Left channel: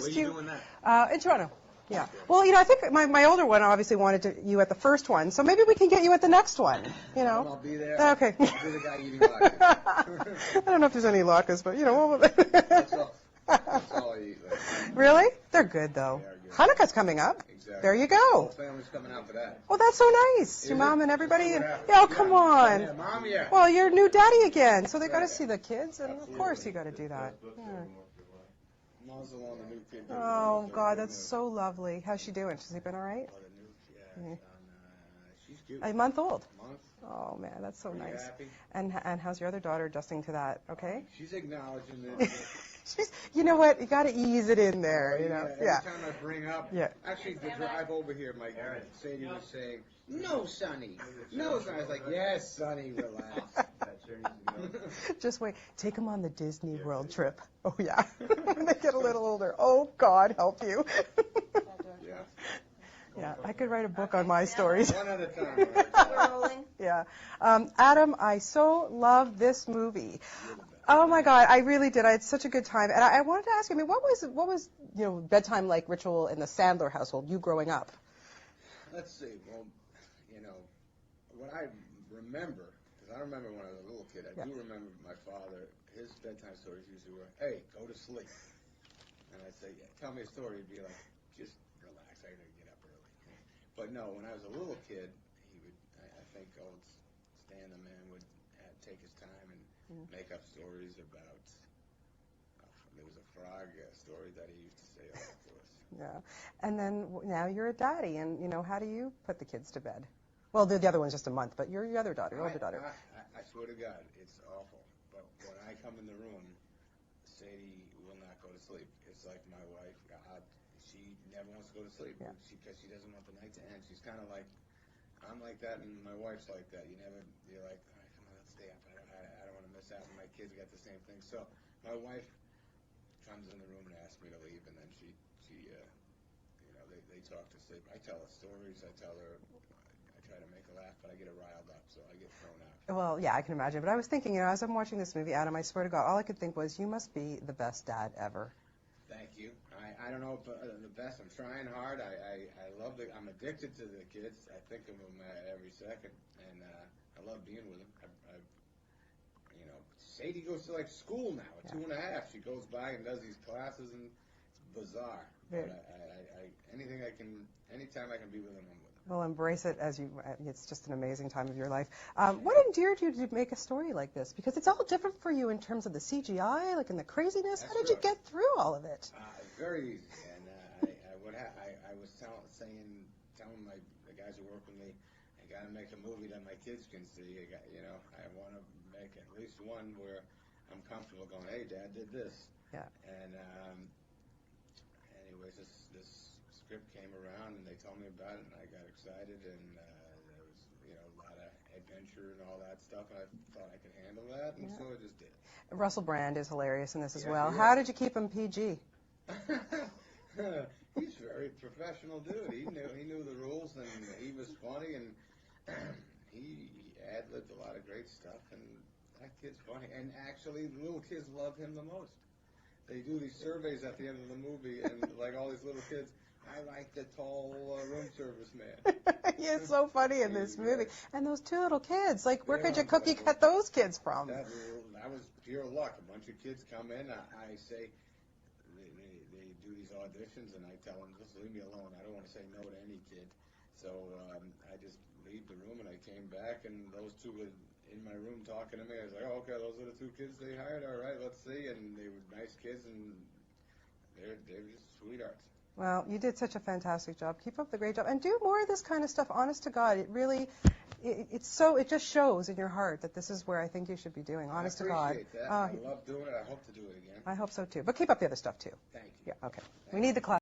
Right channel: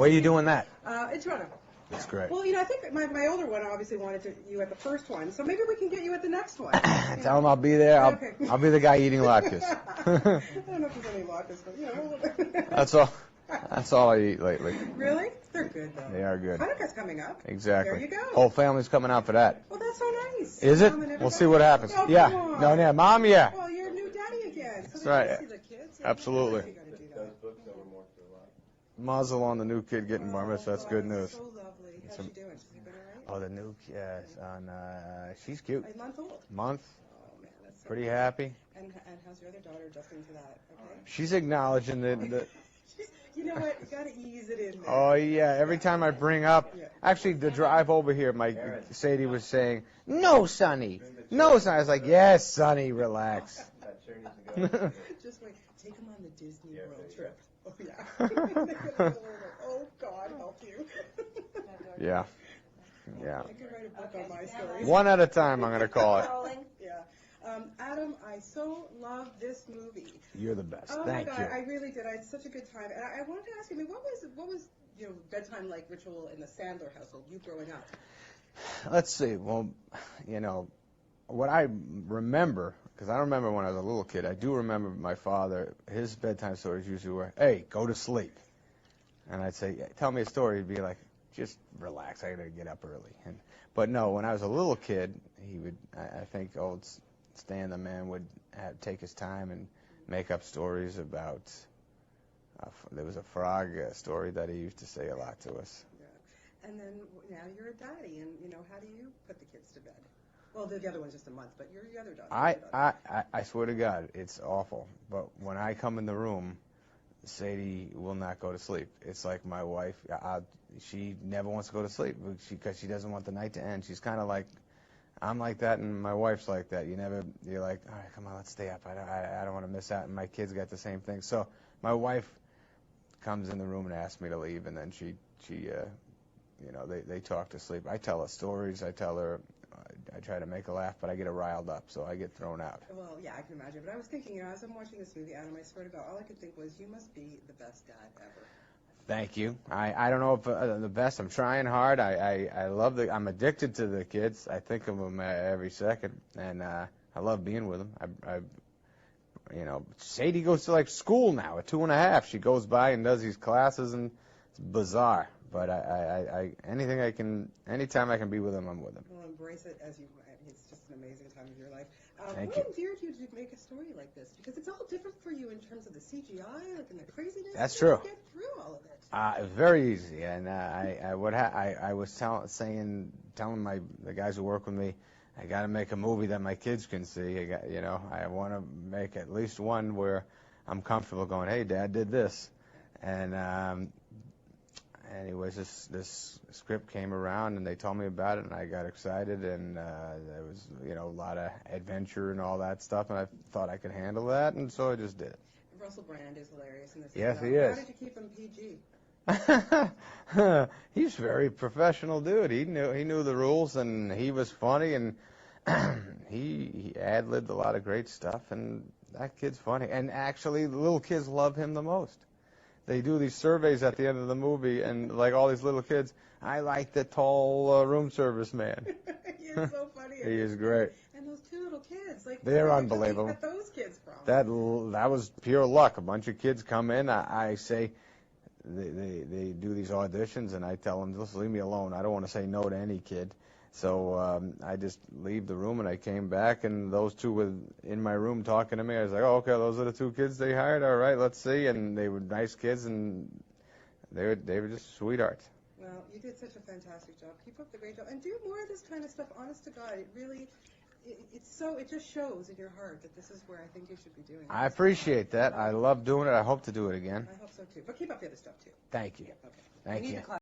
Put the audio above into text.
Where are you doing that? In Toronto. Yeah. That's great. Well, I think my older one obviously wanted you at the first one, so maybe we can get you at the next one. Tell him I'll be there. Okay. I'll be the guy eating latkes. I don't know if there's any latkes, but That's all. That's all I eat lately. Really? They're good, though. They are good. Hanukkah's coming up. Exactly. There you go. Whole family's coming out for that. Well, that's so nice. Is Mom it? and everybody. We'll see what happens. Oh, come on. Yeah, Mom, yeah. Well, you're new daddy again, so they got right. to see the kids. And Absolutely. Of course you got to do that. Yeah. Mazel on the new kid getting bar mitzvah. That's God, good that's news. so lovely. How's she doing? She's been all right? Oh, the new kid. She's cute. A month old. Month. Oh, man, that's so Pretty nice. happy. And how's your other daughter adjusting to that? Okay? She's acknowledging that. You know what? You got to ease it in there. Oh, yeah. Every time I bring up. Yeah. Actually, the drive over here, Sadie was saying, "No, Sonny. No, Sonny." I was like, "Yes, Sonny, relax." Just wait. Take them on the Disney World trip. Oh, yeah. When they get a little older. Oh, God help you. Yeah. Yeah. I could write a book on my stories. One at a time, I'm going to call it. Yeah. Adam, I so love this movie. You're the best. Oh, my God. I really did. I had such a good time. And I wanted to ask you, what was bedtime like ritual in the Sandler household, you growing up? Let's see. Well, what I remember, because I don't remember when I was a little kid, I do remember my father, his bedtime stories usually were, "Hey, go to sleep." And I'd say, "Tell me a story." He'd be like, "Just relax, I gotta get up early." But no, when I was a little kid, he would, I think old Stan the man would take his time and make up stories about, there was a frog story that he used to say a lot to us. Yeah. And then now you're a daddy, and, how do you put the kids to bed? Well, the other one's just a month, but you're your other daughter. I swear to God, it's awful. But when I come in the room, Sadie will not go to sleep. It's like my wife, she never wants to go to sleep because she doesn't want the night to end. She's kind of like, I'm like that, and my wife's like that. You're like, all right, come on, let's stay up. I don't want to miss out. And my kids got the same thing. So my wife comes in the room and asks me to leave, and then they talk to sleep. I tell her stories. I tell her. I try to make her laugh, but I get her riled up, so I get thrown out. Well, yeah, I can imagine. But I was thinking, as I'm watching this movie, Adam, I swear to God, all I could think was, you must be the best dad ever. Thank you. I don't know if the best. I'm trying hard. I love I'm addicted to the kids. I think of them every second, and I love being with them. Sadie goes to school now at 2.5. She goes by and does these classes, and it's bizarre. But anytime I can be with them, I'm with them. Well, embrace it it's just an amazing time of your life. What endeared you to make a story like this? Because it's all different for you in terms of the CGI, and the craziness. That's How did you get through all of it? Very easy. And I was telling the guys who work with me, I got to make a movie that my kids can see. I want to make at least one where I'm comfortable going, "Hey, Dad did this." Yeah. And anyways, this script came around, and they told me about it, and I got excited, and there was, a lot of adventure and all that stuff, and I thought I could handle that, and so I just did it. Russell Brand is hilarious in this as yes, well. He How is. did you keep him PG? He's a very professional dude. He knew the rules, and he was funny, and he ad-libbed a lot of great stuff, and that kid's funny. And actually, the little kids love him the most. They do these surveys at the end of the movie, and all these little kids, I like the tall room service man. He is so funny in this movie. Great. And those two little kids, where They're could your cookie get those kids from? That was pure luck. A bunch of kids come in. I say, they do these auditions, and I tell them, just leave me alone. I don't want to say no to any kid. So I just leave the room, and I came back, and those two were in my room talking to me. I was like, "Oh, okay, those are the two kids they hired. All right, let's see." And they were nice kids, and they were just sweethearts. Well, you did such a fantastic job. Keep up the great job, and do more of this kind of stuff. Honest to God, it really, it just shows in your heart that this is where I think you should be doing. I appreciate that. I love doing it. I hope to do it again. I hope so too. But keep up the other stuff too. Thank you. Yeah, okay. Thank we need you. the class.